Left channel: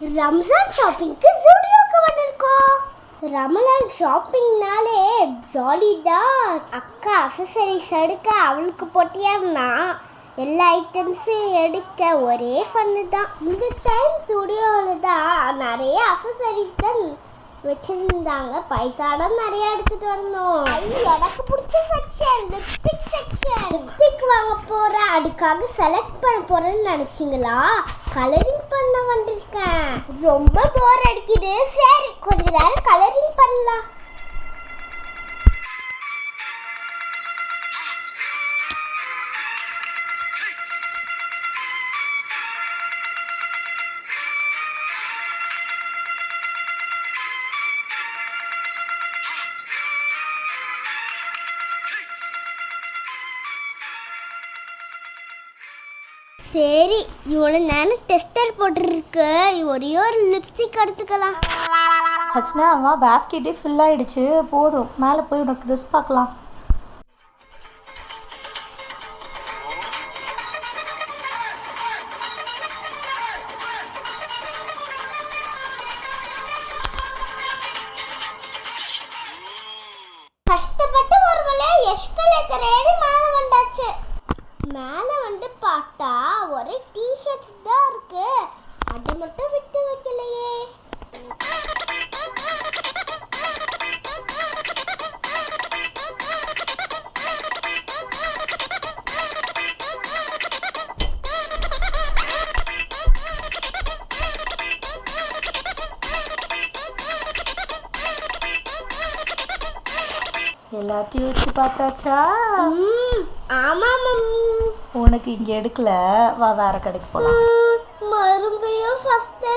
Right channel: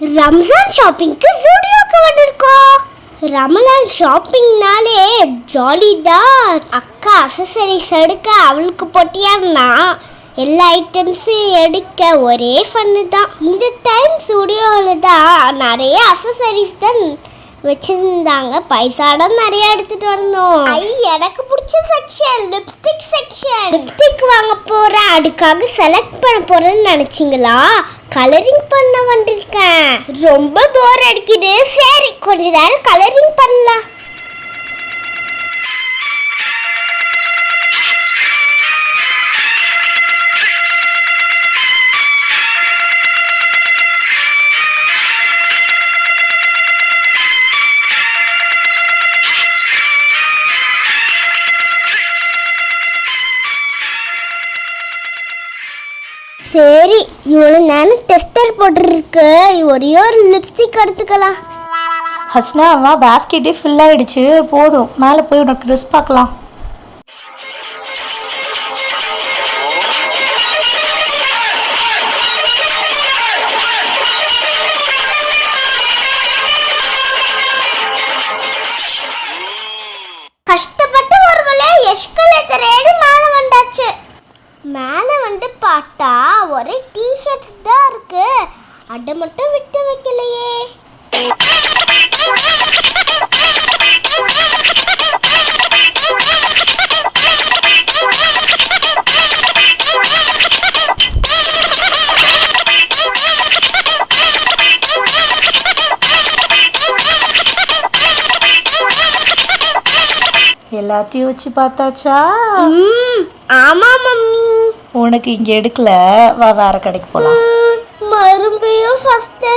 ரம்ஜான் ஷாப்பிங்க்கு ஜூடியோக்கு வந்திருக்கோம். ரமலான் ஷாப்பிங்னாலே ஜாலி தான். அக்கா அசசரிஸ் எடுக்க அவளுக்கு போட்டியாருனா எல்லா ஐட்டம்ஸும் எடுக்க ஒரே ஃபன்னு தான். இந்த டைம் ஸ்டுடியோவில் தான் நிறைய அசசரிஸ் தான் வச்சிருந்தாங்க. பைசாடம் நிறைய எடுத்துட்டு வந்தோம். ஐ எனக்கு பிடிச்ச செக்ஷன் லிப்ஸ்டிக் செக்ஷன் லிப்ஸ்டிக் வாங்க போறேன். அதுக்காக செலக்ட் பண்ண போறேன்னு நினைச்சீங்களா? கலரிங் பண்ண வந்திருக்கேன். ரொம்ப போர் அடிக்குது. சரி கொஞ்ச நேரம் கலரிங் பண்ணலாம். சரி இவ்வளோ நேரம் டெஸ்டர் போட்டுருக்கு. ஒரே ஒரு லிப்ஸ்டிக் எடுத்துக்கலாம். ஹஸ்னா வா பேஸ்கெட்டே ஃபில் ஆயிடுச்சு. போதும். மேலே போய் உனக்கு ட்ரெஸ் பார்க்கலாம். கஷ்டப்பட்டு ஒரு வழியா எஸ்கலேட்டரேடு மேலே வந்தாச்சு. மேலே பார்த்தா ஒரே டிஷர்ட்ஸ் தான் இருக்கு. அதை மட்டும் விட்டு வைக்கலையே. எல்லாத்தையும் வச்சு பார்த்தாச்சா? ஆமா மம்மி. உனக்கு இங்கே எடுக்கல. வா வேற கடைக்கு போகலாம் மறுபடியும் ஃபஸ்ட்டு